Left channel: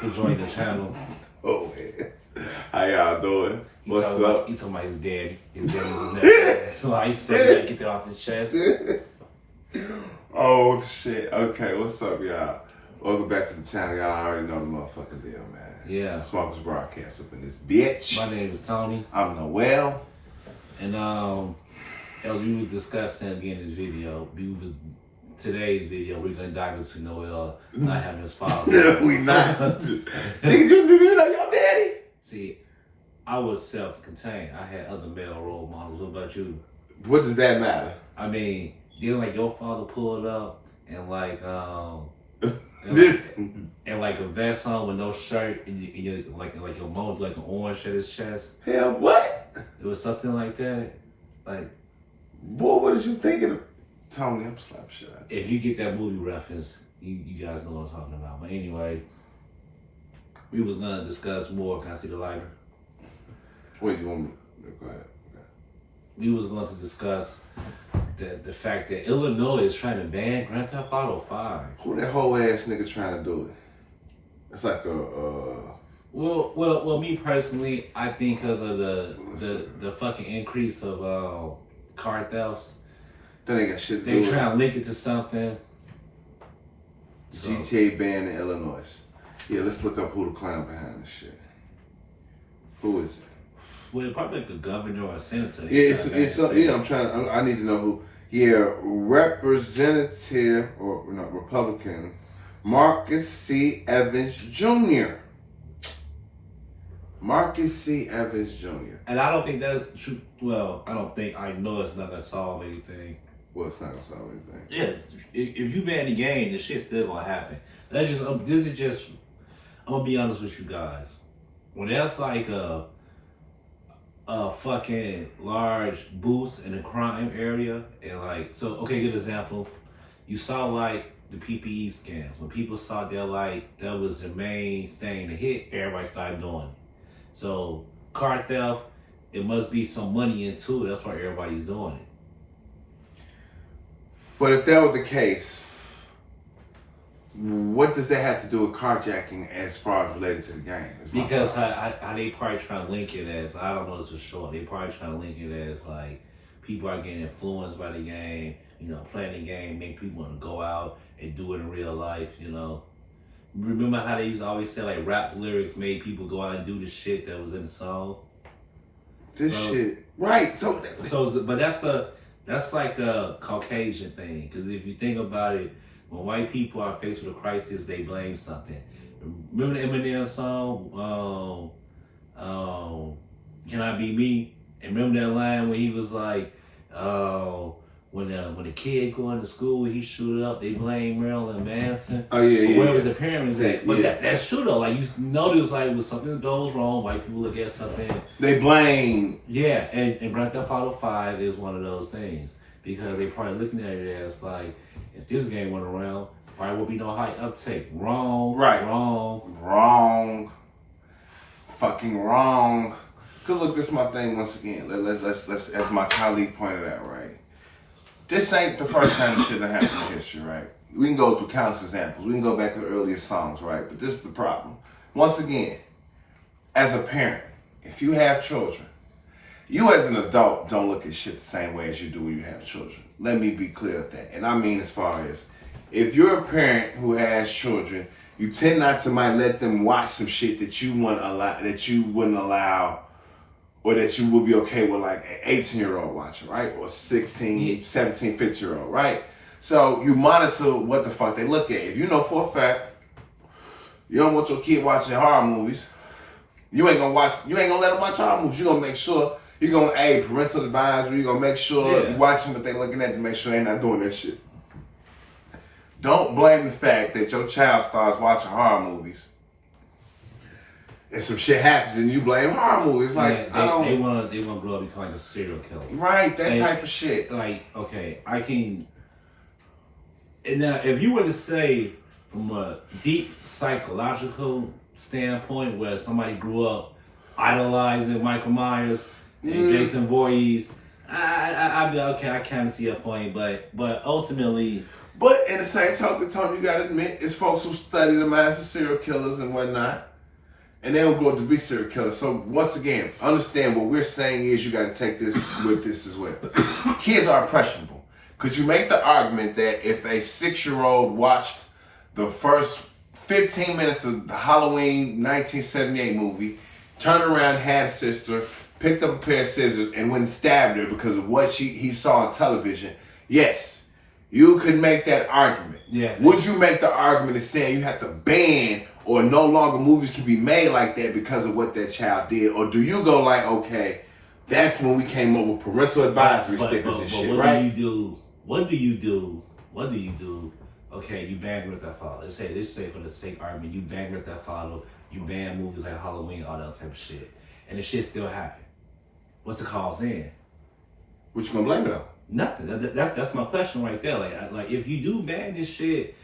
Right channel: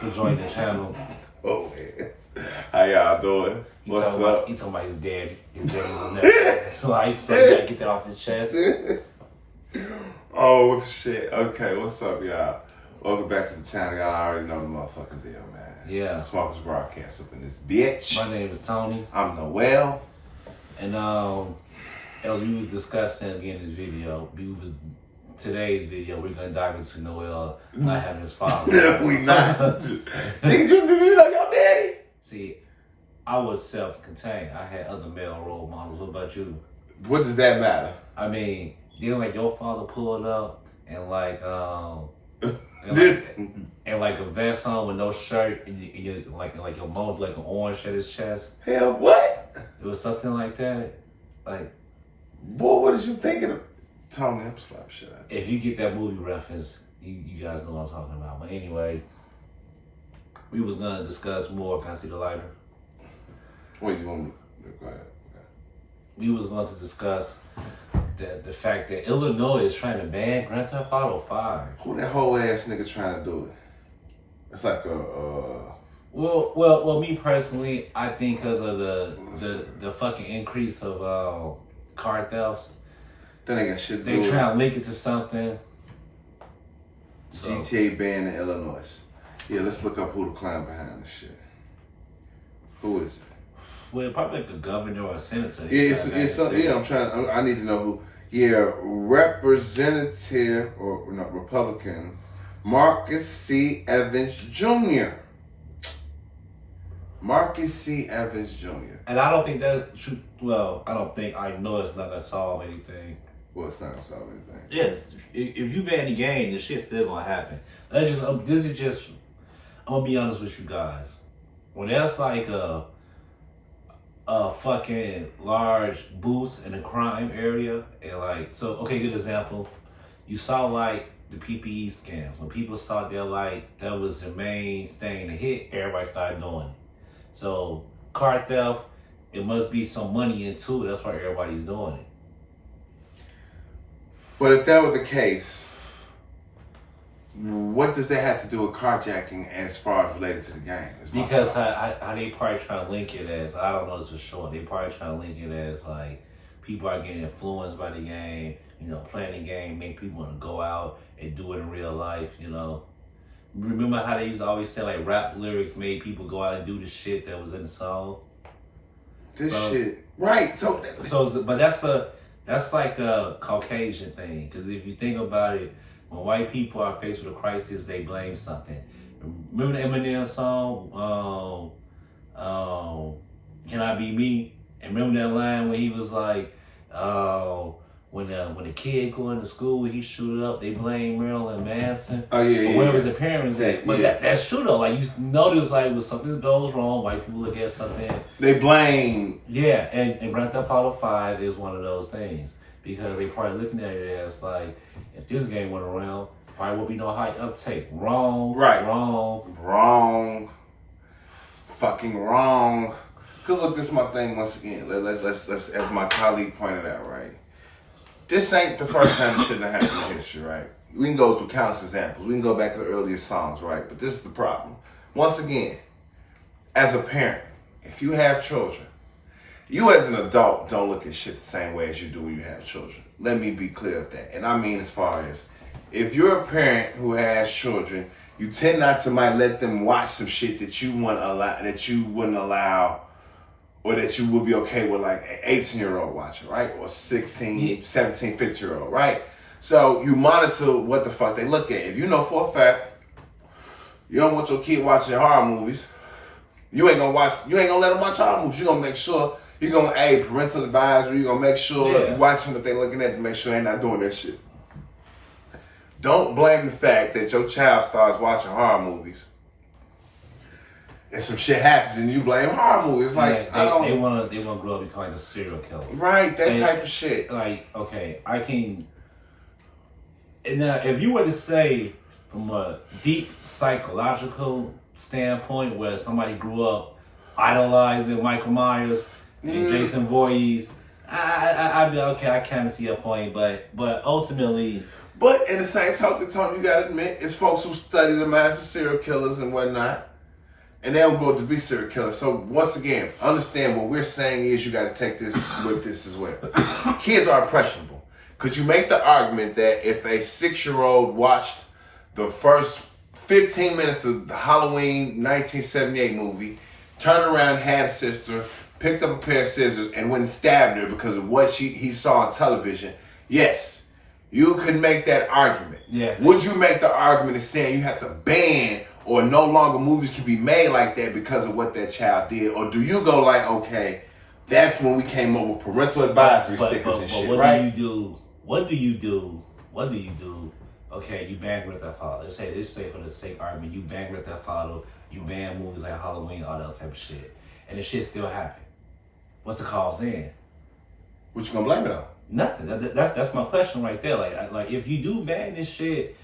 for joining the channel. Oh, how y'all doing? What's up? He talking about his daddy. His daddy was never his life, so he gotta get that off his chest. Oh, shit. Okay, what's up, y'all? Welcome back to the channel. Y'all already know the motherfucking deal, man. Yeah. The Smokers Broadcast up in this bitch. My name is Tony. I'm Noel. And as we was discussing again in this video, today's video, we're gonna dive into Noel not having his father. We not. Niggas, you know your daddy? See, I was self-contained. I had other male role models. What about you? What does that matter? I mean, didn't like your father pull it up and like and like a vest on with no shirt and you like your mom's like an orange at his chest? Hell, what? It was something like that. Like, boy, what is you thinking of? Tony, I'm slap shit out. If you get that movie reference, you guys know what I'm talking about. But anyway, we was gonna discuss more. Can I see the lighter? Wait, you want me? Go ahead. Okay. We was going to discuss the fact that Illinois is trying to ban Grand Theft Auto 5. Who that whole ass nigga trying to do it? It's like Well, me personally, I think because of the fucking increase of car thefts. That ain't got shit to do They trying to link it to something. GTA ban in Illinois. Yeah, let's look up who the clown behind this shit. Who is it? Well, probably like a governor or a senator. Yeah, I need to know who. Yeah, Representative or not Republican Marcus C. Evans Jr. Marcus C. Evans Jr. And I don't think that's true. Well, I know it's not gonna solve anything. Well, it's not gonna solve anything. Yes, if you ban the game, the shit's still gonna happen. I'm gonna be honest with you guys. When that's like a fucking large boost in the crime area, and like, so, okay, good example. You saw like the PPE scams. When people saw that was the main thing to hit, everybody started doing it. So car theft, it must be some money into it. That's why everybody's doing it. But if that were the case, what does that have to do with carjacking as far as related to the game? Because how they probably trying to link it as, I don't know this for sure, they probably trying to link it as like people are getting influenced by the game, playing the game, make people want to go out and do it in real life, Remember how they used to always say like rap lyrics made people go out and do the shit that was in the song? Shit. Right. But that's like a Caucasian thing, because if you think about it, when white people are faced with a crisis, they blame something. Remember the Eminem song, Can I Be Me? And remember that line where he was like, when the kid going to school, he shoot up, they blame Marilyn Manson. Oh, yeah, yeah. Where was the parents at? But yeah. That's true though. Like, you notice, like, when something goes wrong, white people look at something. They blame. Yeah, and Grand Theft Auto 5 is one of those things. Because they probably looking at it as like, if this game went around, probably won't be no high uptake. Wrong. Right. Wrong. Fucking wrong. Cause look, this is my thing once again. Let's as my colleague pointed out, right? This ain't the first time this shouldn't have happened in history, right? We can go through countless examples. We can go back to the earliest songs, right? But this is the problem. Once again, as a parent, if you have children, you as an adult don't look at shit the same way as you do when you have children. Let me be clear with that. And I mean as far as, if you're a parent who has children, you tend not to might let them watch some shit that you wouldn't allow, or that you would be okay with like an 18-year-old watching, right? Or 16, 17, 15-year-old, right? So you monitor what the fuck they look at. If you know for a fact you don't want your kid watching horror movies, you ain't gonna let them watch horror movies. You're gonna make sure you're gonna parental advisory. You're gonna make sure you're watching what they're looking at to make sure they're not doing that shit. Don't blame the fact that your child starts watching horror movies and some shit happens and you blame horror movies. Like, they wanna grow up and become like a serial killer. Right, type of shit. Like, okay, and now if you were to say from a deep psychological standpoint where somebody grew up idolizing Michael Myers and Jason Voorhees, I'd be okay, I kind of see a point, but ultimately, But in the same token, Tony, you gotta admit, it's folks who study them as serial killers and whatnot, and they'll grow to be serial killers. So once again, understand what we're saying is you gotta take this with this as well. Kids are impressionable. Could you make the argument that if a 6-year-old watched the first 15 minutes of the Halloween 1978 movie, turned around, had a sister, picked up a pair of scissors, and went and stabbed her because of what he saw on television, yes, you could make that argument. Yeah. Would you make the argument of saying you have to ban or no longer movies can be made like that because of what that child did? Or do you go like, okay, that's when we came up with parental advisory stickers and shit, what right? What do you do? Okay, you ban Grand Theft Auto. Let's say for the sake of argument, you ban Grand Theft Auto, you ban movies like Halloween, all that type of shit, and the shit still happen. What's the cause then? What you gonna blame it on? Nothing. That's my question right there. Like if you do ban this shit,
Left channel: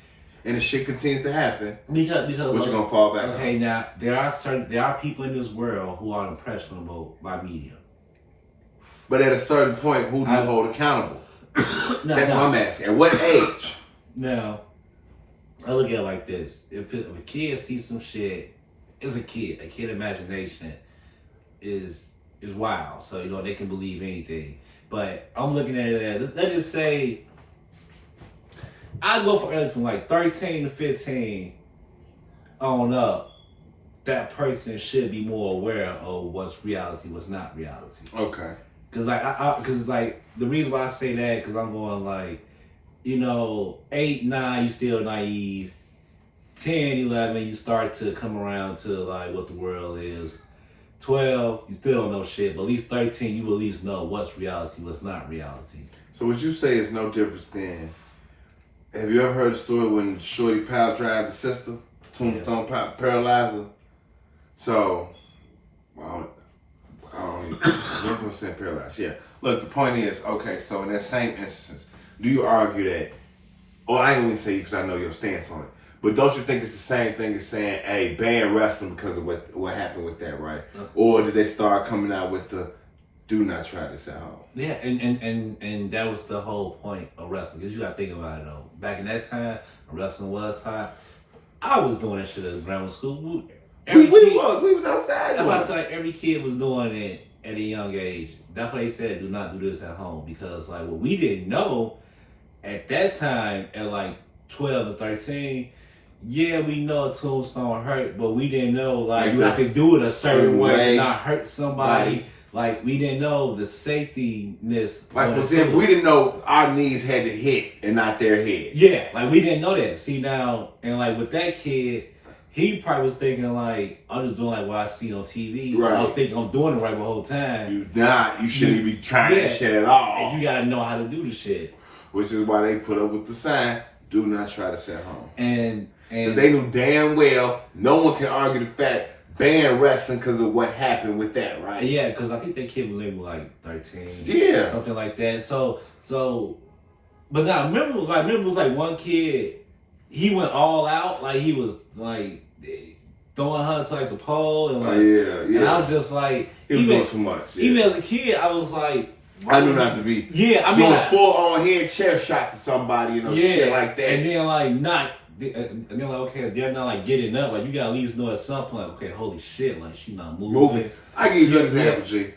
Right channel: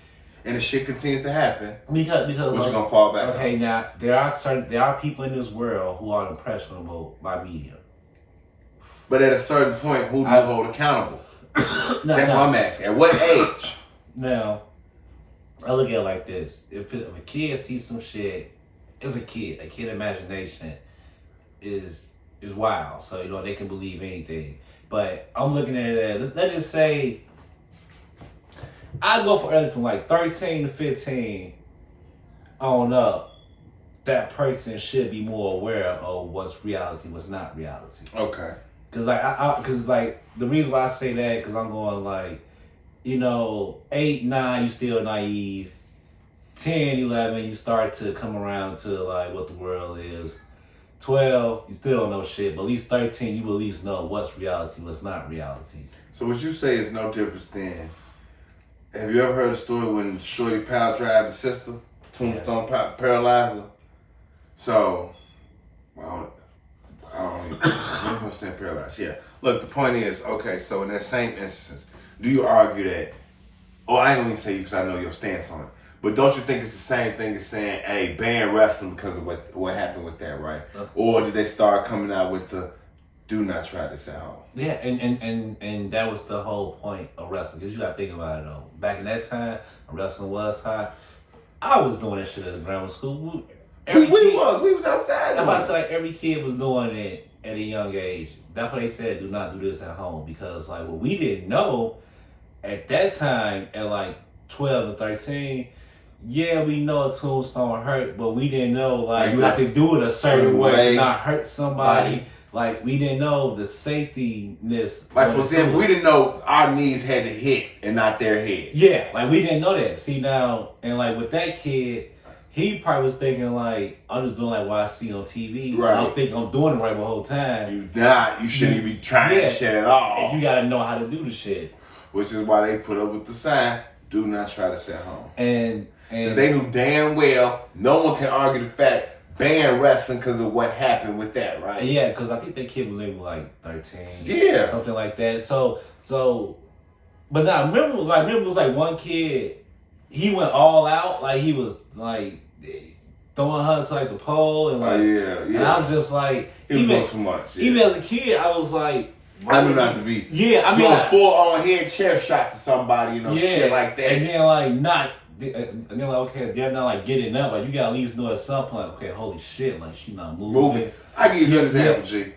and the shit continues to happen, because what you gonna fall back on? Okay, now there are people in this world who are impressionable by media. But at a certain point, who do you hold accountable? That's what I'm asking. At what age? Now, I look at it like this: if a kid sees some shit, it's a kid. A kid imagination is wild, so they can believe anything. But I'm looking at it as, let's just say, I go for early from like 13 to 15 on up. That person should be more aware of what's reality, what's not reality. Okay. Cause the reason why I say that, cause I'm going like, 8, 9, you still naive. 10, 11, you start to come around to like what the world is. 12, you still don't know shit, but at least 13, you at least know what's reality, what's not reality. So what you say is no difference than, have you ever heard a story when Shorty Powell drive the sister, Tombstone paralyzed her? So, I'm gonna say paralyzed. Yeah. Look, the point is, okay, so in that same instance, do you argue that, or I ain't gonna say you because I know your stance on it, but don't you think it's the same thing as saying, hey, ban wrestling because of what happened with that, right? Or did they start coming out with the, do not try this at home? Yeah, and that was the whole point of wrestling, because you gotta think about it though. Back in that time, when wrestling was hot, I was doing this shit at grammar school. We was outside. That's why I said like every kid was doing it at a young age. That's why they said do not do this at home, because like what we didn't know at that time at like 12 or 13, yeah, we know a tombstone hurt, but we didn't know like you have to do it a certain way to not hurt somebody. Like we didn't know the safety-ness. Like for example, we didn't know our knees had to hit and not their head. Yeah, like we didn't know that. See now, and like with that kid, he probably was thinking like, I'm just doing like what I see on TV. Right. I don't think I'm doing it right the whole time. You shouldn't be trying that shit at all. And you gotta know how to do the shit. Which is why they put up with the sign, do not try this at home. And they knew damn well no one can argue the fact ban wrestling because of what happened with that, right? Yeah, because I think that kid was maybe like 13. Yeah. Something like that. So but now remember it was like one kid, he went all out, like he was like throwing her to like the pole and like and I was just like it was doing too much. Yeah. Even as a kid, I was like, I knew not to be doing a full on head chair shot to somebody, shit like that. And then and then like okay, they're not like getting up, like you gotta at least know at some point, okay, holy shit, like she not moving. I give you a good example, G.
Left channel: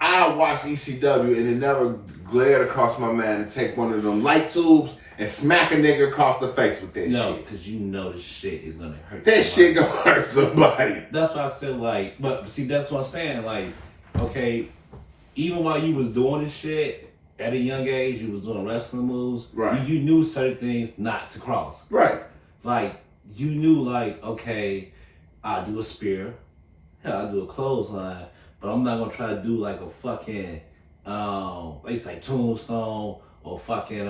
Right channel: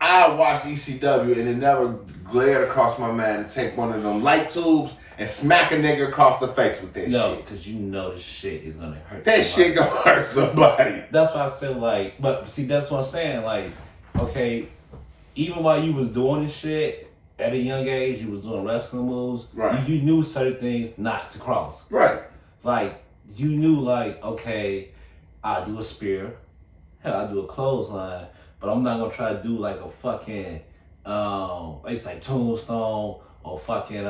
I watched ECW and it never glared across my mind to take one of them light tubes and smack a nigga across the face with that shit. No, because this shit is gonna hurt that somebody. Shit gonna hurt somebody. That's why I said like, but see, that's what I'm saying, like, okay, even while you was doing this shit at a young age, you was doing wrestling moves, right? You knew certain things not to cross, right? Like you knew, like, okay, I'll do a spear, I'll do a clothesline, but I'm not gonna try to do like a fucking it's like tombstone or fucking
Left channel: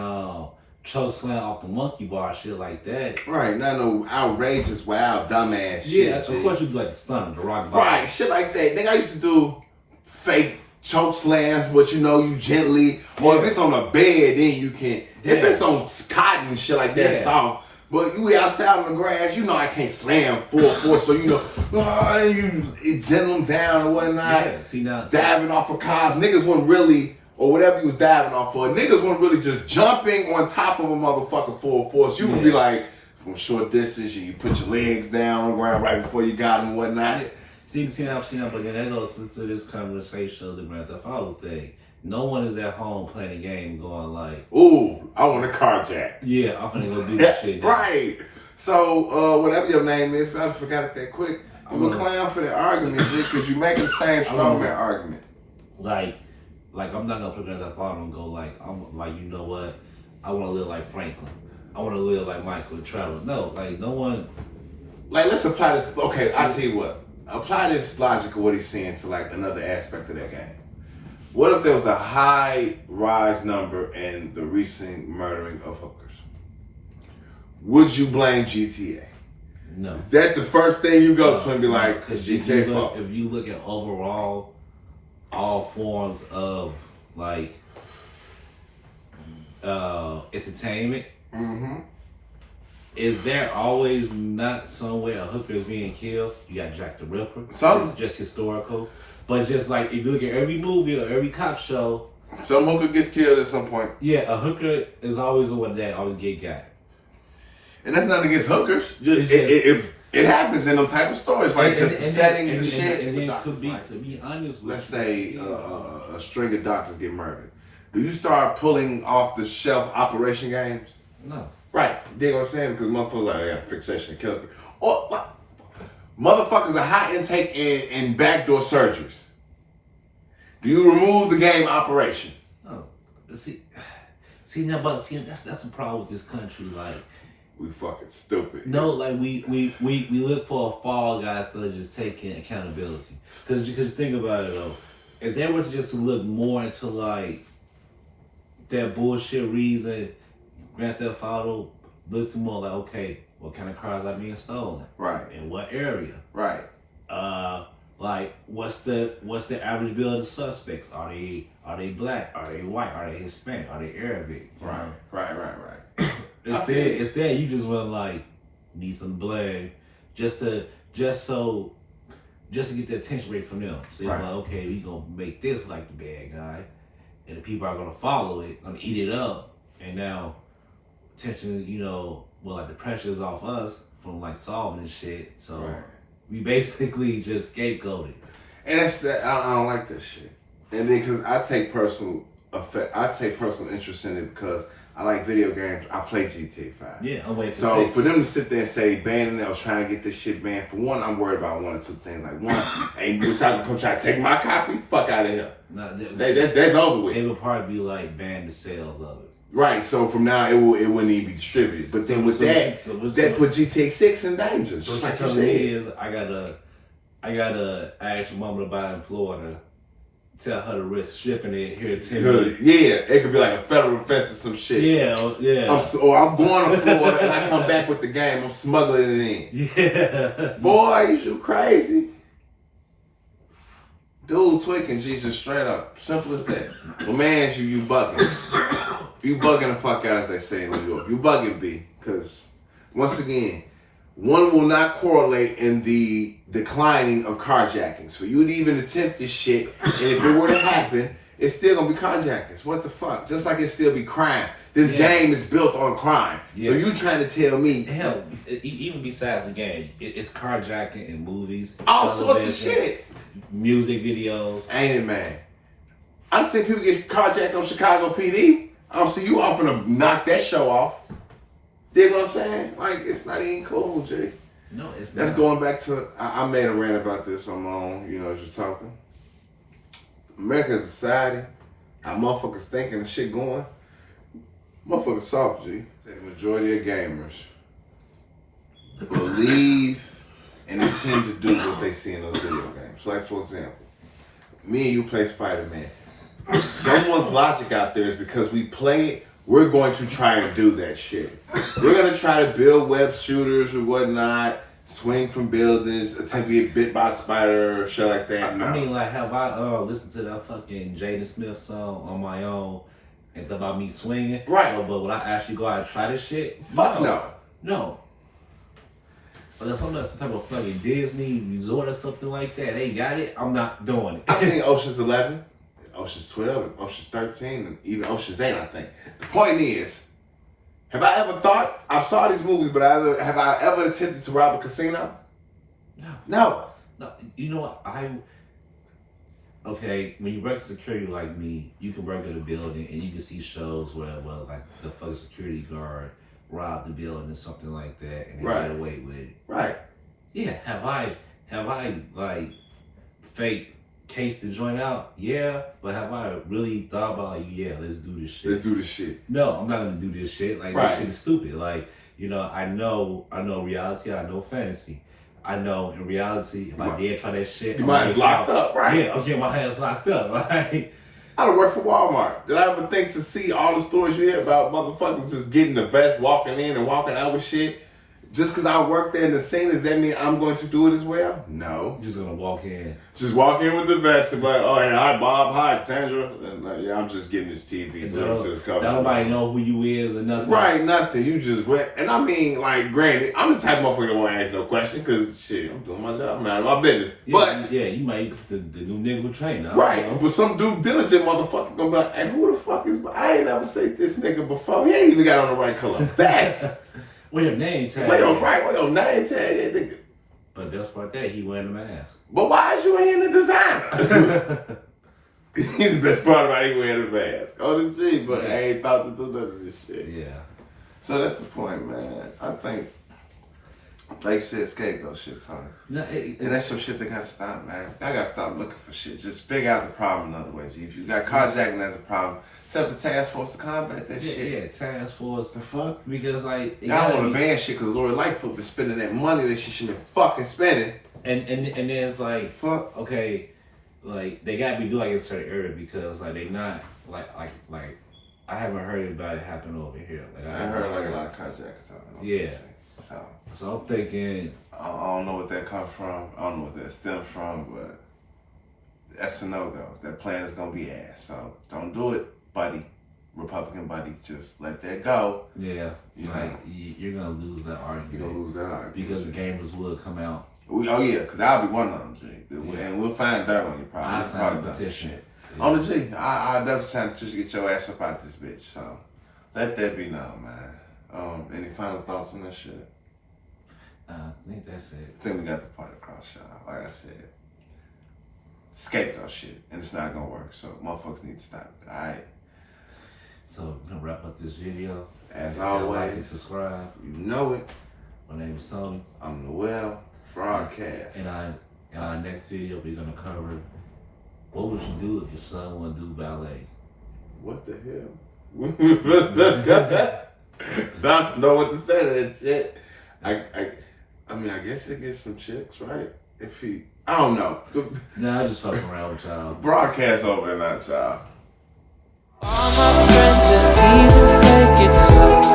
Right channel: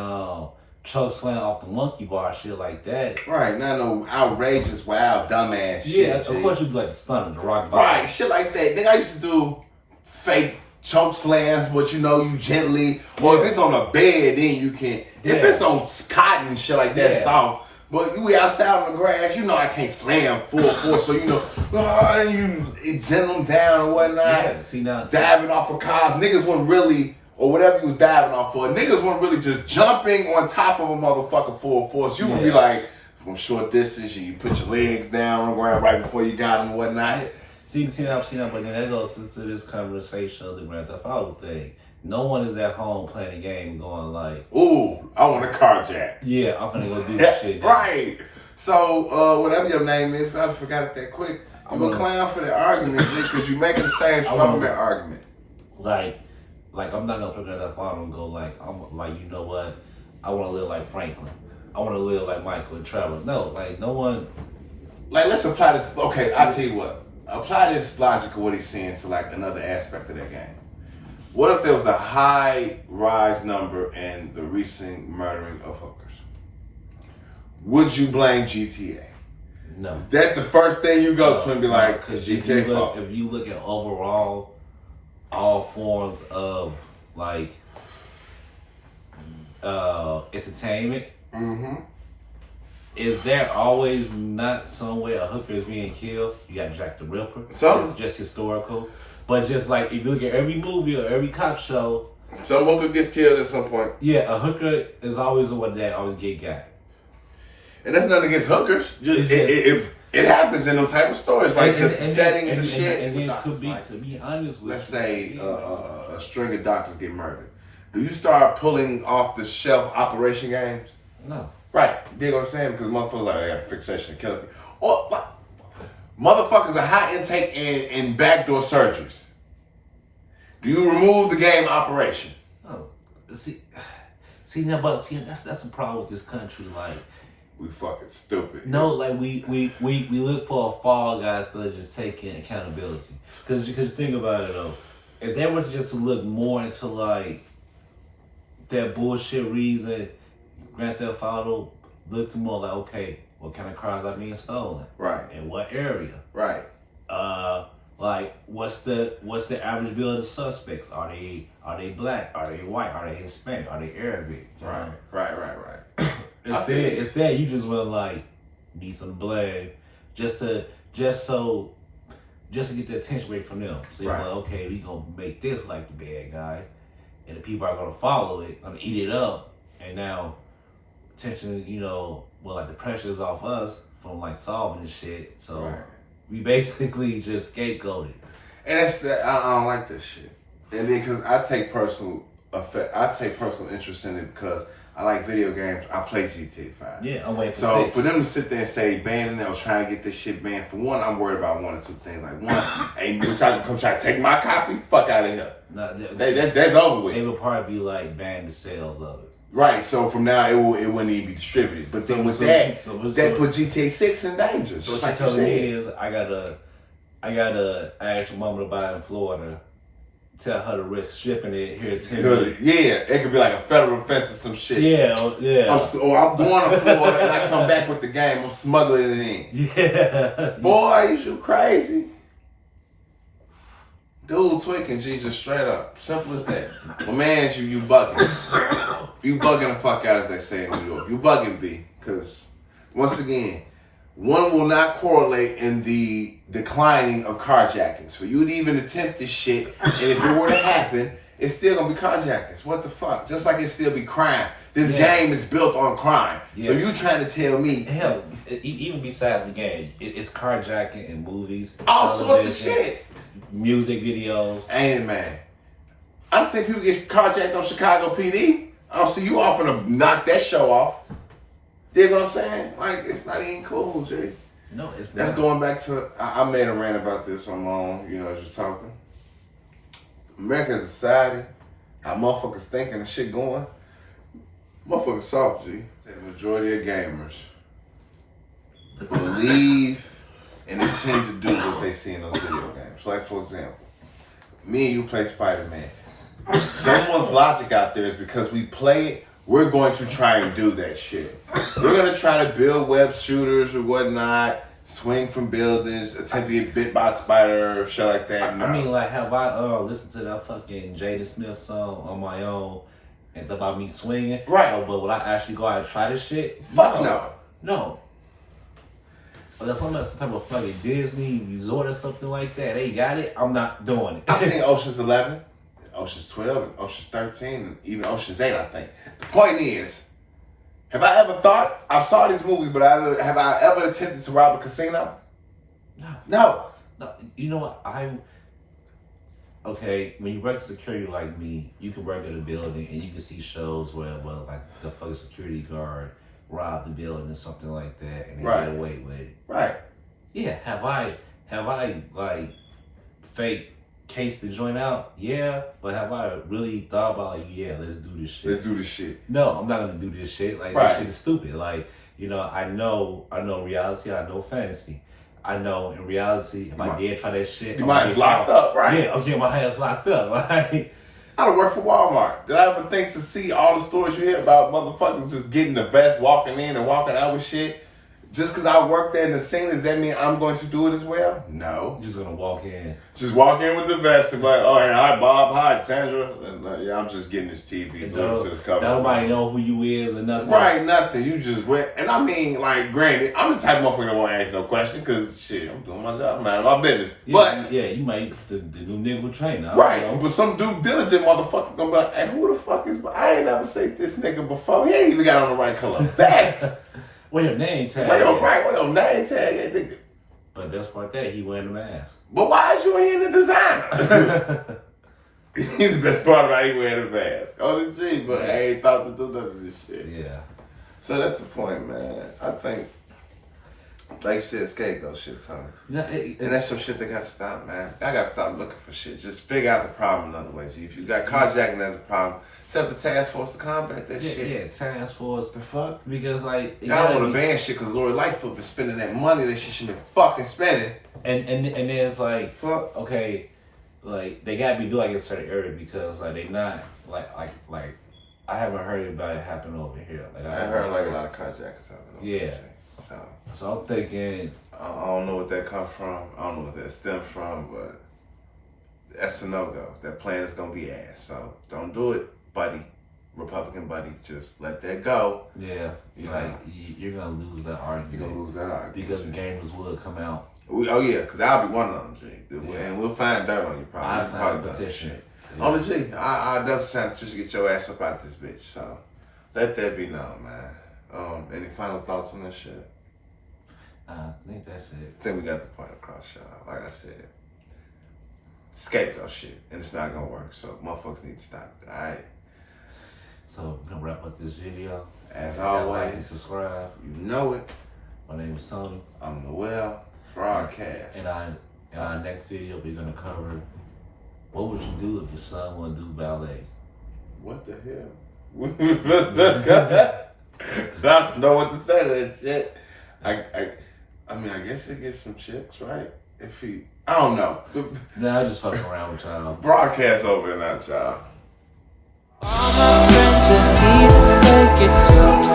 choke slam off the monkey bar, shit like that. Right, not no outrageous, wild, dumbass shit. Yeah, of course you do like the stunner, the rock bottom. Right, shit like that. Nigga, I used to do fake choke slams, but you gently. Or if it's on a bed, then you can. If it's on cotton and shit like that, soft. But we outside on the grass, I can't slam full force. So you gentle them down and whatnot. Yeah, see now, diving off of cars. Niggas wouldn't really or whatever you was diving off for, niggas weren't really just jumping on top of a motherfucker full force. You would be like, from short distance, you put your legs down on the ground right before you got them and whatnot. See, but then that goes into this conversation of the Grand Theft Auto thing. No one is at home playing a game and going like, ooh, I want a carjack. Yeah, I'm finna go do this shit now. Right. So, whatever your name is, I forgot it that quick. You a clown for the argument, shit, because you making the same strongman argument. Like I'm not gonna put Grand Theft Auto and go like, I'm like, you know what? I want to live like Franklin. I want to live like Michael and Trevor. No, like no one. Like, let's apply this. Okay, I'll tell you what. Apply this logic of what he's saying to like another aspect of that game. What if there was a high rise number in the recent murdering of hookers? Would you blame GTA? No. Is that the first thing you go to and be like, because GTA fault? If you look at overall, all forms of like entertainment, is there always not somewhere a hooker is being killed? You got Jack the Ripper. It's just historical. But just like if you look at every movie or every cop show, some hooker gets killed at some point. Yeah, a hooker is always the one that always get got. And that's nothing against hookers. It happens in them type of stories, like just the settings and shit. And then to be honest with let's say a string of doctors get murdered. Do you start pulling off the shelf operation games? No. Right. You dig what I'm saying? Because motherfuckers like, I got a fixation to kill people. Or motherfuckers are high intake in backdoor surgeries. Do you remove the game operation? Oh, see, that's a problem with this country. Like, we fucking stupid. No, like we look for a fall guys that are just taking accountability. Because think about it though, if they were just to look more into like that bullshit reason, Grand Theft Auto looked more like, okay, what kind of cars are being stolen? Right. In what area? Right. Like what's the average bill of the suspects? Are they black? Are they white? Are they Hispanic? Are they Arabic? Right. Instead, you just want to like need some blood just to get the attention away from them. So you're like, okay, we gonna make this like the bad guy, and the people are gonna follow it, gonna eat it up, and now attention, like the pressure is off us from like solving this shit. So we basically just scapegoated. And that's I don't like this shit. And then because I take personal interest in it because I like video games. I play GTA 5. Yeah, I'm waiting for So 6. for them to sit there and say banning it or trying to get this shit banned, for one, I'm worried about one or two things. Like one, ain't which I can come try to take my copy. Fuck out of here. No, that's over with. They would probably be like ban the sales of it. Right. So from now it wouldn't even be distributed. But then with that put GTA 6 in danger. So what you're telling me is I gotta ask your mama to buy it in Florida. Tell her to risk shipping it here to 10 million. Yeah, it could be like a federal offense or some shit. Yeah. I'm going to Florida and I come back with the game. I'm smuggling it in. Yeah. Boy, you crazy. Dude, tweaking Jesus straight up. Simple as that. But man, you bugging. You bugging the fuck out, as they say in New York. You bugging, B. Because, once again, one will not correlate in the declining of carjackings. So you would even attempt this shit, and if it were to happen, it's still gonna be carjackings. What the fuck? Just like it still be crime. This game is built on crime. Yeah. So you trying to tell me? Hell, even besides the game, it's carjacking in movies, all sorts of shit, music videos. Ain't it, man? I've seen people get carjacked on Chicago PD. I don't see you offering to knock that show off. Dig what I'm saying? Like, it's not even cool, Jay. No, it's not. That's going back to, I made a rant about this on my own, just talking. American society, how motherfuckers thinking and shit going. Motherfuckers soft, G. The majority of gamers believe and intend to do what they see in those video games. Like, for example, me and you play Spider-Man. Someone's logic out there is because we play it, we're going to try and do that shit. We're going to try to build web shooters or whatnot, swing from buildings, attempt to get bit by a spider or shit like that. No. I mean, like, have I listened to that fucking Jada Smith song on my own and thought about me swinging? Right. But would I actually go out and try this shit? Fuck no. No. Unless I'm at some type of fucking Disney resort or something like that, they got it, I'm not doing it. I've seen Ocean's 11. Ocean's 12, and Ocean's 13, and even Ocean's 8, I think. The point is, have I ever thought, I've saw these movies, but have I ever attempted to rob a casino? No. You know what? Okay, when you work security like me, you can work at a building and you can see shows where, well, like the fucking security guard robbed the building or something like that, and they get away with it. Right. Yeah. Have I like fake cased the joint out? Yeah. But have I really thought about like, yeah, let's do this shit? Let's do this shit. No, I'm not gonna do this shit. Like this shit is stupid. Like, you know, I know reality, I know fantasy. I know in reality, if I did try that shit, you might have locked up, right? Yeah, okay, my ass locked up. Like, I done worked for Walmart. Did I ever think to see all the stories you hear about motherfuckers just getting the vest, walking in and walking out with shit? Just because I work there in the scene, does that mean I'm going to do it as well? No. You're just gonna walk in. Just walk in with the vest and be like, oh, hey, hi, Bob, hi, Sandra. And, yeah, I'm just getting this TV. Nobody know who you is or nothing. Right, nothing. You just went. And I mean, like, granted, I'm the type of motherfucker that won't ask no question because, shit, I'm doing my job. I'm out of my business. Yeah, but yeah, you might the new nigga with train. Right, but some due diligent motherfucker gonna be like, hey, who the fuck is, I ain't never seen this nigga before. He ain't even got on the right color vest. Where your name tag? Where your name tag at, nigga? But that's part that he wearing the mask. But why is you in the designer? He's the best part about he wearing the mask. On the G, but I ain't thought to do none of this shit. Yeah. So that's the point, man. I think, like shit, scapegoat shit, Tony. No, and that's some shit that gotta stop, man. I gotta stop looking for shit. Just figure out the problem in other ways. If you got carjacking as a problem, set up a task force to combat that shit. Yeah, task force. The fuck? Because like I don't want to ban shit because Lori Lightfoot been spending that money that she should been fucking spending. And then it's like, fuck. Okay, like they gotta be doing like a certain area because like they not like I haven't heard about it happen over here. Like I heard like a lot of carjackers happening. Yeah. So I'm thinking, I don't know what that comes from. I don't know what that stems from, but that's a no-go. That plan is gonna be ass. So don't do it, buddy. Republican buddy, just let that go. Yeah, you're gonna lose that argument. You're gonna lose that argument because the gamers will come out. Oh yeah, because I'll be one of them, G. And we'll find dirt on you probably. I signed a petition. On the G, I definitely trying to get your ass up out this bitch. So let that be known, man. Any final thoughts on this shit? I think that's it. I think we got the point across, y'all. Like I said, scapegoat shit, and it's not gonna work. So motherfuckers need to stop it. All right. So we're gonna wrap up this video. As always, like and subscribe. You know it. My name is Tony. I'm Noel Broadcast. And in our next video, we're gonna cover what would you do if your son wanted to do ballet. What the hell? I don't know what to say to that shit. I mean, I guess he'll get some chicks, right? If he, I don't know. Nah, I'm just fucking around with y'all. Broadcast over and out, y'all. All my friends and demons take it slow.